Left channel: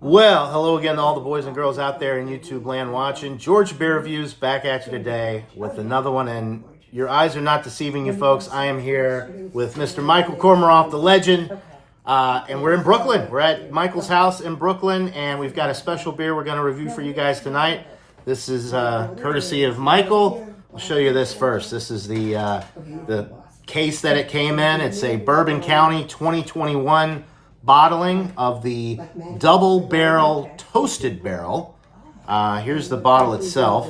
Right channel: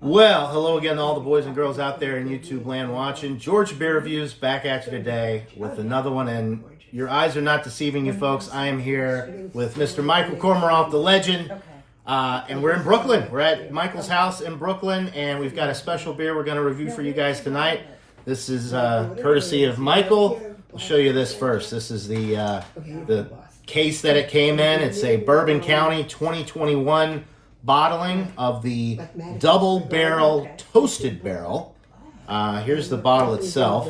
Well, hello again to all the boys and girls out there in YouTube land watching. George Beer Reviews back at you today with another one, and your eyes are not deceiving you folks. I am here with Mr. Michael Kormaroff, the legend, and we're in Brooklyn. We're at Michael's house in Brooklyn, and we've got a special beer we're going to review for you guys tonight. This is courtesy of Michael. I'll show you this first. This is the case that it came in. It's a Bourbon County 2021 bottling of the double barrel toasted barrel. Here's the bottle itself,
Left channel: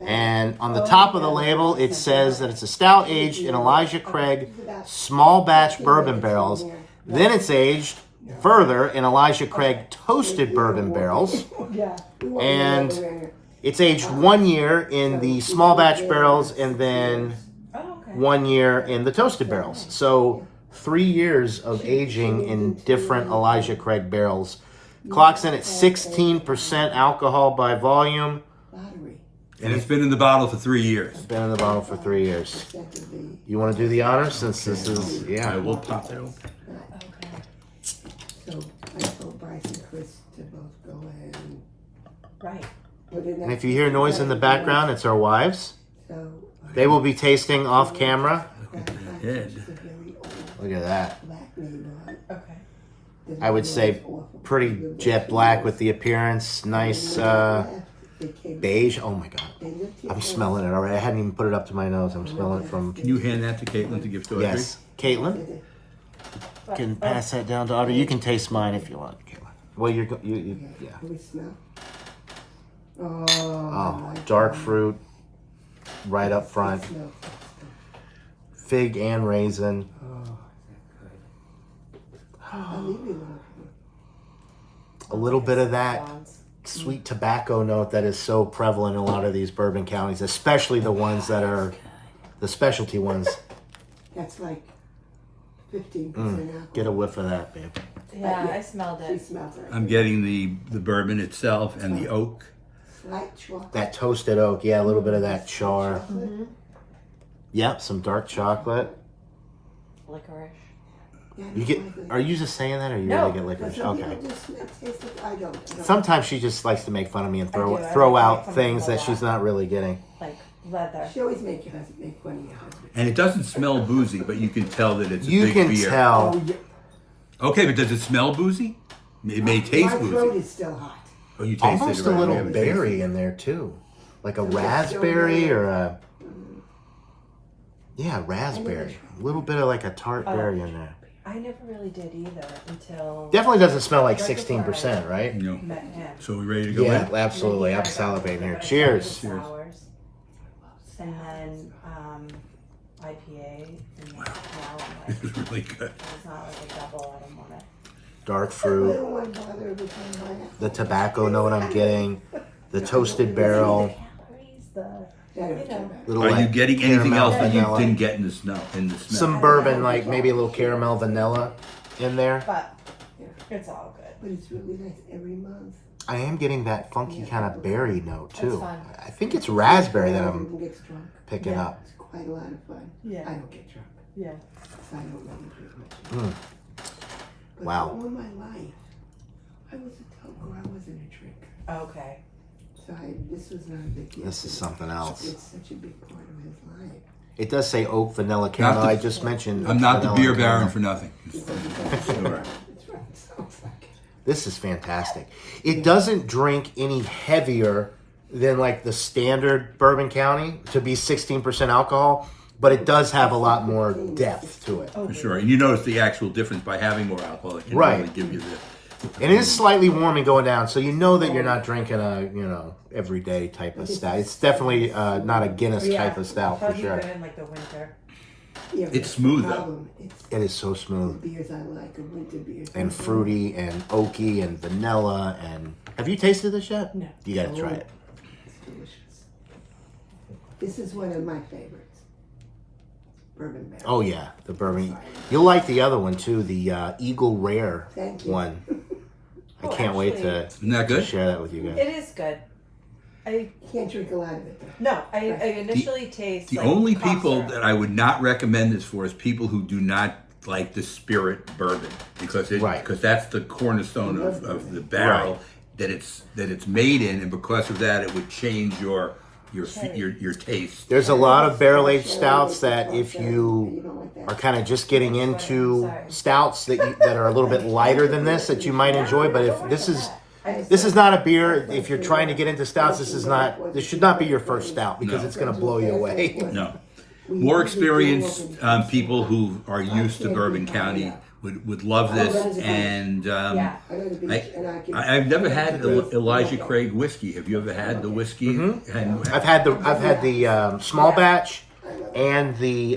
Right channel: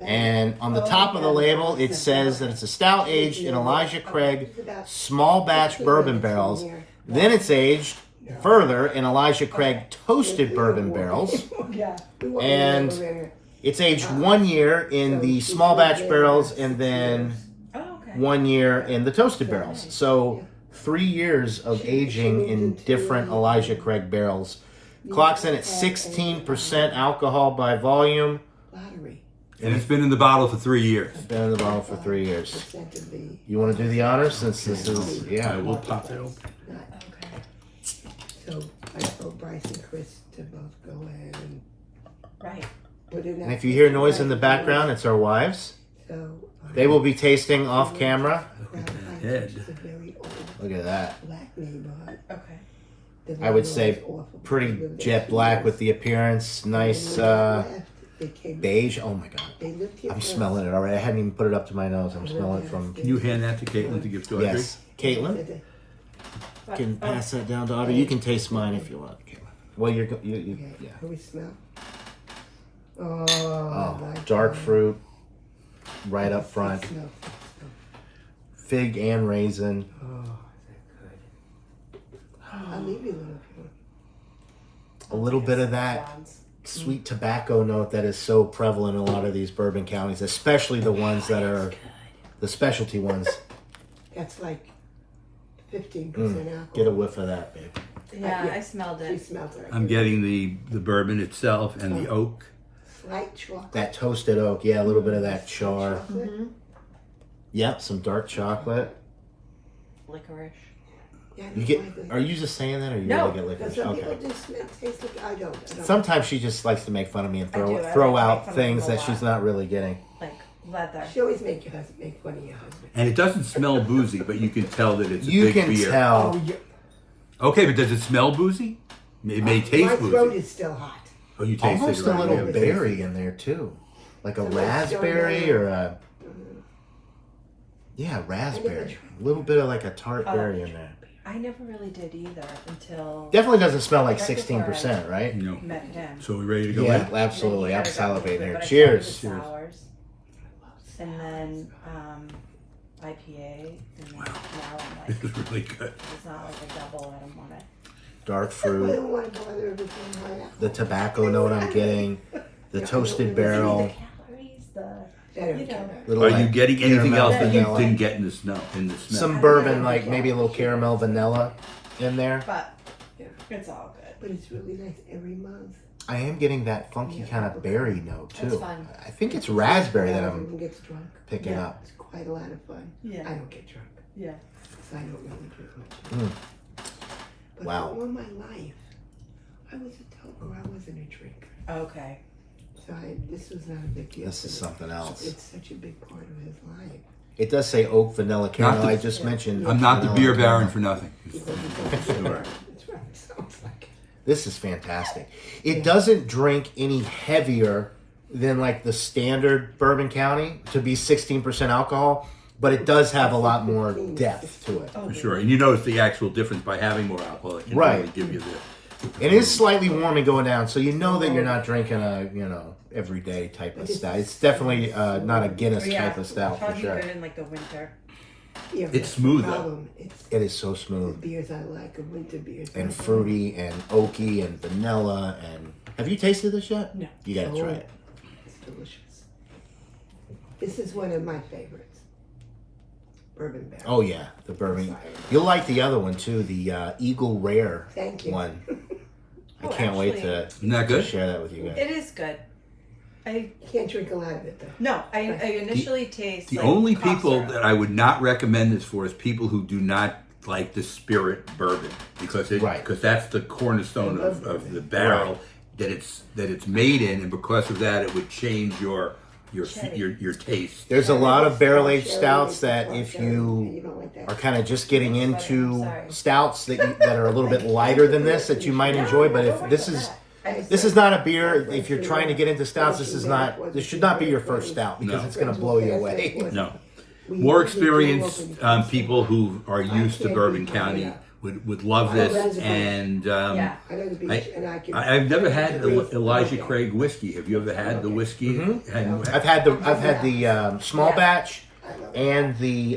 and on the top of the label it says that it's a stout aged in Elijah Craig small batch bourbon barrels. Then it's aged further in Elijah Craig toasted bourbon barrels, and it's aged 1 year in the small batch barrels and then 1 year in the toasted barrels. So 3 years of aging in different Elijah Craig barrels. Clocks in at 16% alcohol by volume. And it's been in the bottle for 3 years. It's been in the bottle for 3 years. You want to do the honors since this is, yeah. I will pop that open. So I told Bryce and Chris to both go ahead and put it in. And if you hear noise in the background, it's our wives. So They will be tasting off camera. Look at that head. Look at that. black neighborhood. Okay. I would say pretty jet black with the appearance. Nice beige. Oh my God. I'm smelling it already. I hadn't even put it up to my nose. I'm smelling it from... Can you hand that to Caitlin to give to Audrey? Yes. Caitlin? Can pass that down to Audrey. You can taste mine if you want. Well, yeah. Can we smell? Oh, dark fruit right up front. Fig and raisin. I'll leave you A little bit of that sweet tobacco note that is so prevalent in a lot of these bourbon counties, especially the ones that are the specialty ones. That's like 15% alcohol. Get a whiff of that, babe. Yeah, I smelled She it. smells it. I'm getting the bourbon itself and the oak. Slight chocolate. That toasted oak, yeah, a little bit of that char. Chocolate. Yep, some dark chocolate. Licorice. Yeah, You get? Are you just saying that, or you No, really get licorice? Some people Okay. just taste like I don't. Sometimes she just likes to make fun of me and I do. I throw like to out make fun of things people a that she's lot. not really getting. Like leather. She always make fun of your husband. And it doesn't smell boozy, but you can tell that it's a You big can beer. tell. Okay, but does it smell boozy? It may taste My throat boozy. is still hot. Oh, you tasted Almost it a right. little We haven't tasted berry it. in there too, like a So it's raspberry still or a raspberry. A little bit of like a tart berry in there. I never really did either until Definitely doesn't smell like Right before 16%, right? No. met him. So we ready to go Yeah, in? absolutely. I'm Then he had a salivating here. but I Cheers. tried the sours. And then IPA. And now I'm This like, is really good. it's not like a double. I don't want it. Dark I fruit, don't want to bother every time I the tobacco note I'm getting, the toasted barrel. I don't care about it. Little Are you like getting anything caramel else that you vanilla. didn't get in the smell? Some bourbon, like maybe a little caramel vanilla in there. But it's all good. But it's really nice every month. I am getting that funky kind of berry note too. That's fun. I think it's raspberry that I'm Everyone gets drunk. picking Yeah. up. It's quite a lot of fun. Yeah. I don't get drunk. Yeah. So I don't really drink much. But Wow. all my life, I was a toker. I wasn't a drinker. Okay. So this was not a big deal. This to is me. something else. It's such a big part of his life. It does say oak, vanilla, caramel. the- I just mentioned. I'm not the vanilla beer and baron caramel. for nothing. Sure. That's right. Sounds like it. This is fantastic. It doesn't drink any heavier than like the standard Bourbon County to be 16% alcohol, but it does have a lot more depth to it. For sure. And you notice the actual difference by having more alcohol. It can Right. really give you the... And it is slightly warm and going down, so you know that you're not drinking a, everyday type of stout. It's definitely not a Guinness type of stout for Probably sure. good in like the winter. Yeah, It's but smooth, the though. problem, It's It is so the smooth beers I like are winter beers. and fruity and oaky and vanilla. And have you tasted this yet? No. You gotta try it. It's delicious. This is one of my favorites. Bourbon barrel. Oh yeah, the bourbon. You'll like the other one too, the Eagle Rare Thank you. one. I Oh, can't wait to Isn't that good? share that with you guys. It is good. I Can't drink a lot of it though. no. I initially taste The like only cough people syrup. that I would not recommend this for is people who do not like the spirit bourbon because Right. that's the cornerstone of the barrel Right. that it's made in, and because of that, it would change your taste. There's a lot of barrel aged stouts that if you are kind of just getting into stouts that are a little bit lighter than this, that you might enjoy. But if this is not a beer, if you're trying to get into stouts, this should not be your first stout because No. it's going to blow you away. No. More experienced people who are used to Bourbon County would love this, and I've never had Elijah Craig whiskey. Have you ever had the whiskey? Mm-hmm. And I've had the small batch and the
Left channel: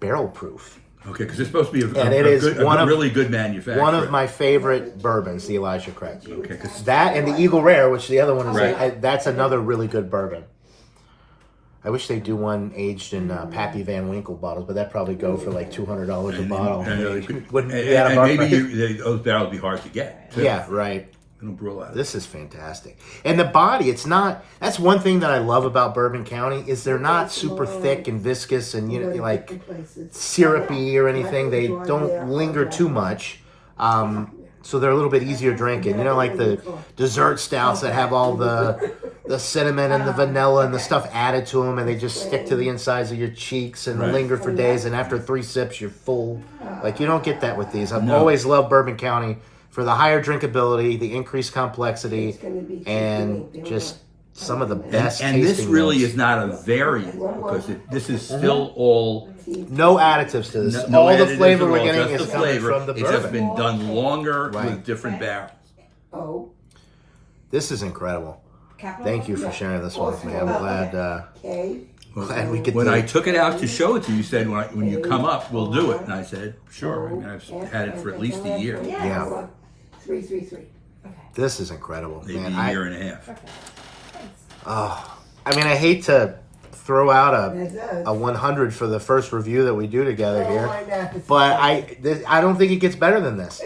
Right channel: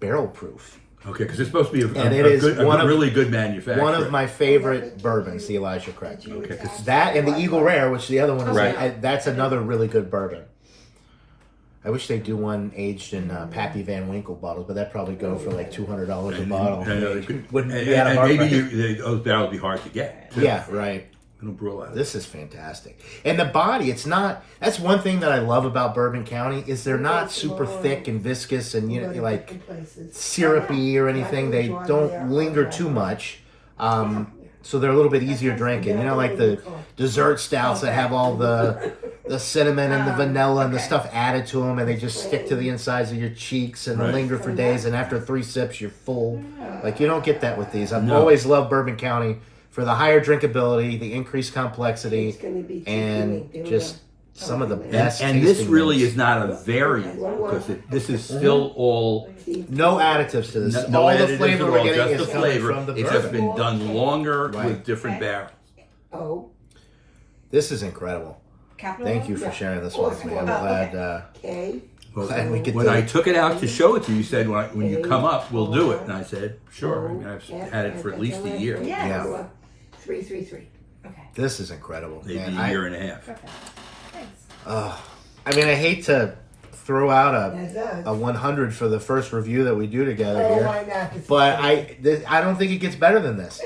barrel proof. okay, because it's supposed to be And it is a really good manufacturer. One of my favorite bourbons, the Elijah Craig. Okay, 'cause That and the Eagle Rare, which the other one is, Right. that's another really good bourbon. I wish they'd do one aged in Pappy Van Winkle bottles, but that'd probably go for like $200 a bottle. and maybe those barrels be hard to get. Too. Yeah, right. They don't brew a lot of This is fantastic. And the body, it's not, that's one thing that I love about Bourbon County is they're not super thick and viscous and like syrupy or anything. They don't linger too much. So they're a little bit easier drinking. You know, like the dessert stouts that have all the cinnamon and the vanilla and the stuff added to them, and they just stick to the insides of your cheeks and Right. linger for days. And after 3 sips, you're full. Like you don't get that with these. I've No. always loved Bourbon County for the higher drinkability, the increased complexity, and just some of the best. And this tasting really notes. is not a variant because this is still all no additives to this. no All the additives flavor at we're all, getting just is the coming flavor. from the It's just bourbon. been done longer Right. with different barrels. Oh, This is incredible. Capital? Thank you for sharing this one with me. I'm glad. okay. Well, Glad we could when do I it. took it out to show it to you, you said when you come up, we'll do it. And I said, sure. I mean, I've had it for at least a year, Yeah. 333. Okay. This is incredible. maybe Man, a year and a half. Okay. Thanks. I mean, I hate to throw out It does. a 100 for the first review that we do together Oh here, my God, this is but great. I don't think it gets better than this.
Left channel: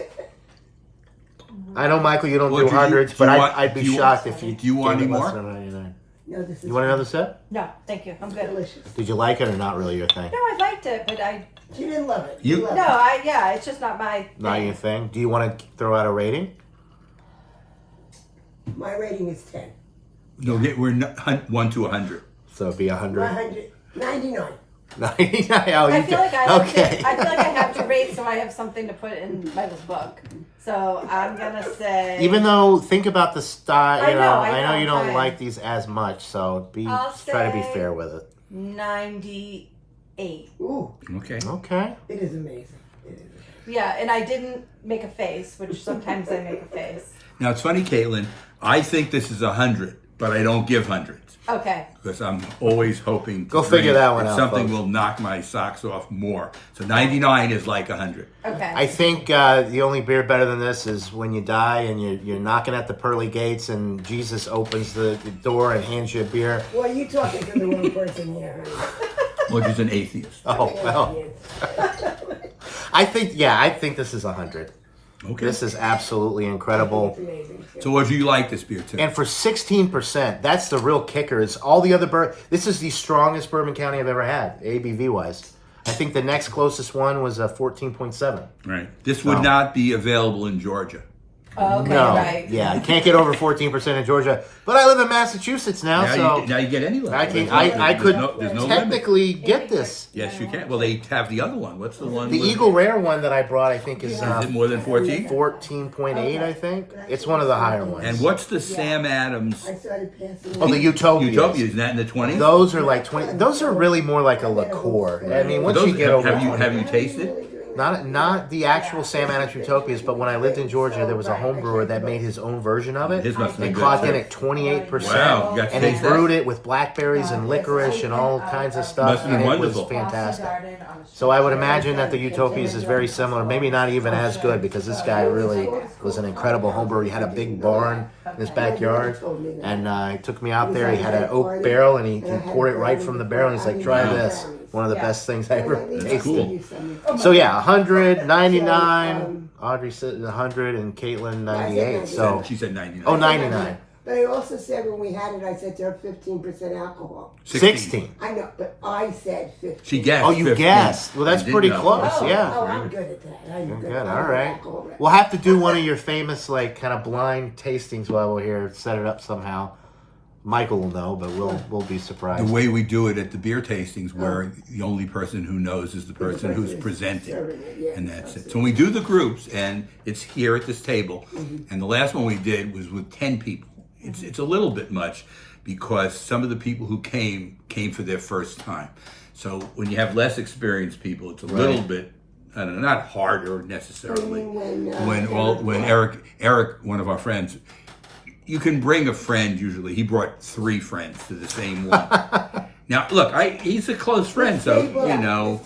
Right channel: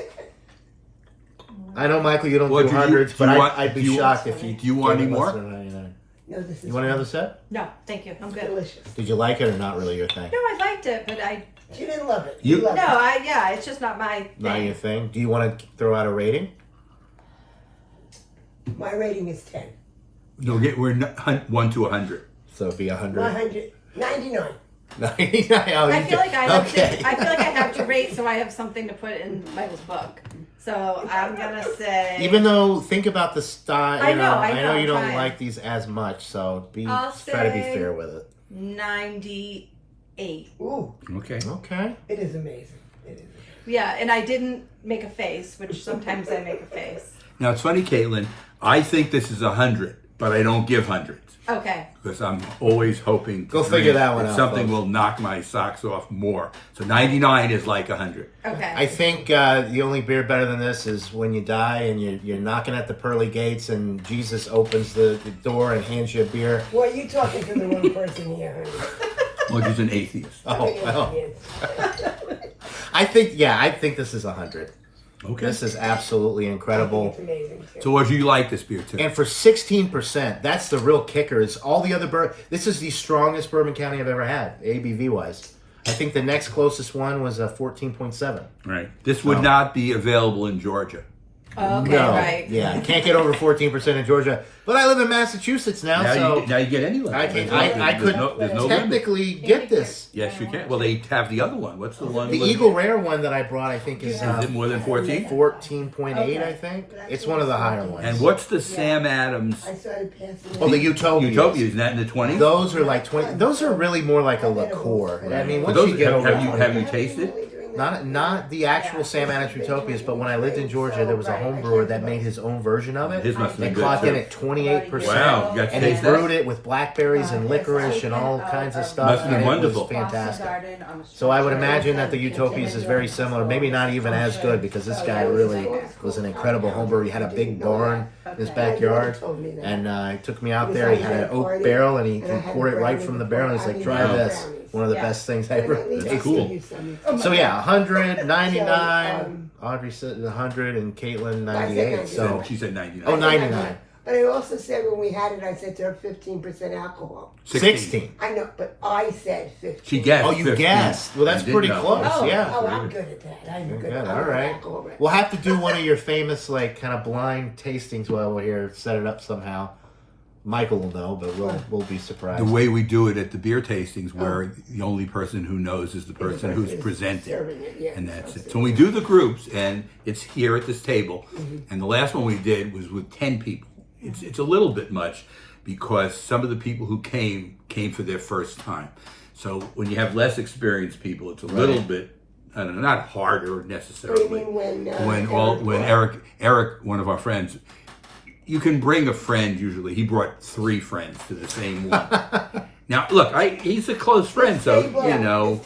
I know, Michael, you don't Well, do do you- hundreds, do you but want- I'd be do you- shocked if you. do you want gave any it less more? than 99. No, this is You want another sip? No, thank you. I'm good. delicious. Did you like it or not really your thing? No, I liked it, but She didn't love it. You- loved it. yeah, it's just not my Not thing. your thing. Do you want to throw out a rating? My rating is 10. No, we're 1 to 100. So it'd be 100. 199. 99. Oh, I you feel can- like I have okay. to. I feel like I have to rate, so I have something to put in Michael's book. So I'm gonna say. Even though, think about the style. I You know, I know I'm you don't trying. like these as much, so I'll try to be say- fair with it. 98. Ooh, Okay. Okay. it is amazing. It is amazing. Yeah, and I didn't make a face, which sometimes I make a face. Now it's funny, Caitlin. I think this is 100, but I don't give hundreds Okay. because I'm always hoping to Go figure drink that one that out, something folks. will knock my socks off more. So 99 is like 100. Okay. I think the only beer better than this is when you die and you're knocking at the pearly gates and Jesus opens the door and hands you a beer. Well, you talking to the wrong person here, honey. Well, she's an atheist. Oh, well. I think this is 100. Okay. This is absolutely It's incredible. amazing. Too. So, what do you like this beer too? And for 16%, that's the real kicker. Is all the other this is the strongest Bourbon County I've ever had, ABV wise. I think the next closest one was a 14.7. Right. This would not be available in Georgia. Okay, No, right. yeah, can't get over 14% in Georgia. But I live in Massachusetts now, so Now you get any level. I can, There's no- I there's could no, there's no limit. technically get this. Yes, you can. Well, they have the other one. What's the one? The with- Eagle Rare one that I brought, I think, is Is it more than 14? 14.8. I think it's one of the higher ones. And what's the Sam Adams I started passing. Oh, the Utopia. Utopia? Isn't that in the 20s? Those are like 20. Those are really more like a liqueur. I mean, once Those, you get over have you tasted? not the actual Sam Adams Utopias, but when I lived in Georgia, there was a home brewer that made his own version of it. His must have been and good, clocked in too. at 28%. Wow, you got to And they taste that? brewed it with blackberries and licorice and all kinds of stuff. Must have been and wonderful. It was fantastic. So I would imagine that the Utopias is very similar, maybe not even as good, because this guy really was an incredible home brewer. He had a big barn in his backyard, and he took me out there. He had an oak barrel, and he poured it right from the barrel. And he's like, "Try this." One of the best things I ever tasted. cool. So yeah, 100, 99. Audrey said 100, and Caitlin 98. So She said 99. oh, 99. But I also said when we had it, I said they're 15% alcohol. 16. I know, but I said 15. She guessed. Oh, you 15. guessed. Well, that's I didn't pretty know. close. Oh, Yeah. oh, I'm good at that. I'm good. Good. I'm All an right. alcohol. We'll have to do one of your famous, like, kind of blind tastings while we're here. Set it up somehow. Michael will know, but we'll be surprised. The way we do it at the beer tastings, where the only person who knows is the person who's presenting, serving it, yes, and that's it. absolutely. So when we do the groups, and it's here at this table, Mm-hmm. and the last one we did was with 10 people. It's a little bit much because some of the people who came for their first time. So when you have less experienced people, it's a little bit, I don't know, not harder necessarily. You mean When Eric, one of our friends, you can bring a friend usually. He brought 3 friends to the same one. Now, look, he's a close friend, so, you know,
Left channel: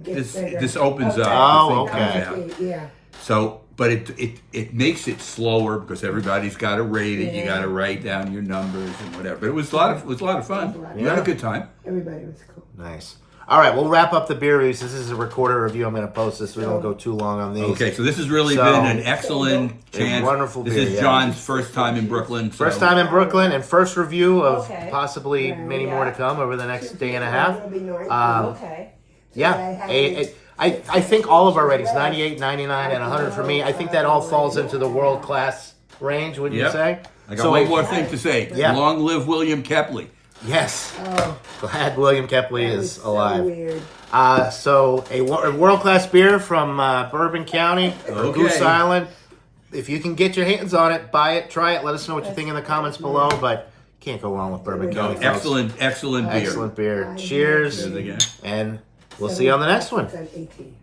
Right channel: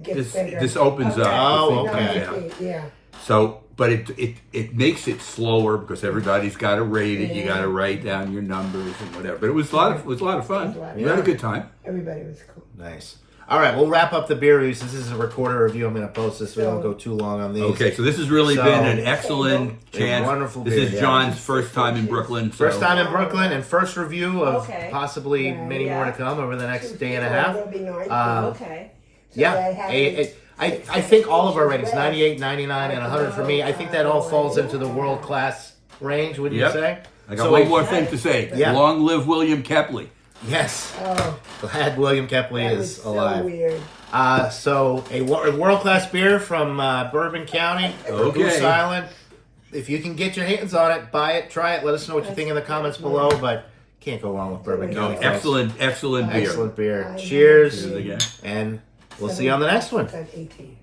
this opens up. Oh, the thing okay. comes out. Yeah. So, but it makes it slower because everybody's got to rate it. You got to write down your numbers and whatever. But it was a lot of fun. You had a good time. Everybody was cool. Nice. All right, we'll wrap up the beer reviews. This is a recorded review. I'm going to post this. We don't go too long on these. Okay, so this has really So, been an excellent chance. wonderful This beer, is yeah. John's first time in Brooklyn. So. First time in Brooklyn and first review of Okay. possibly Right. many more to come over the next day and a half. That'll be nice. Okay. Yeah, I had I think all of our ratings, 98, 99, and 100 for me, I think that all falls into the world-class range, wouldn't Yep. you say? I got So one if- more thing to say. Yeah. Long live William Kepley. Yes. Oh, Glad William Kepley that is was so alive. weird. So a world-class beer from Bourbon County, Okay. Goose Island. If you can get your hands on it, buy it, try it. Let us know what you think in the comments below, but can't go wrong with Bourbon No, County. folks. excellent beer. Excellent beer. I Cheers. Cheers again. And we'll see you on the next one. 18.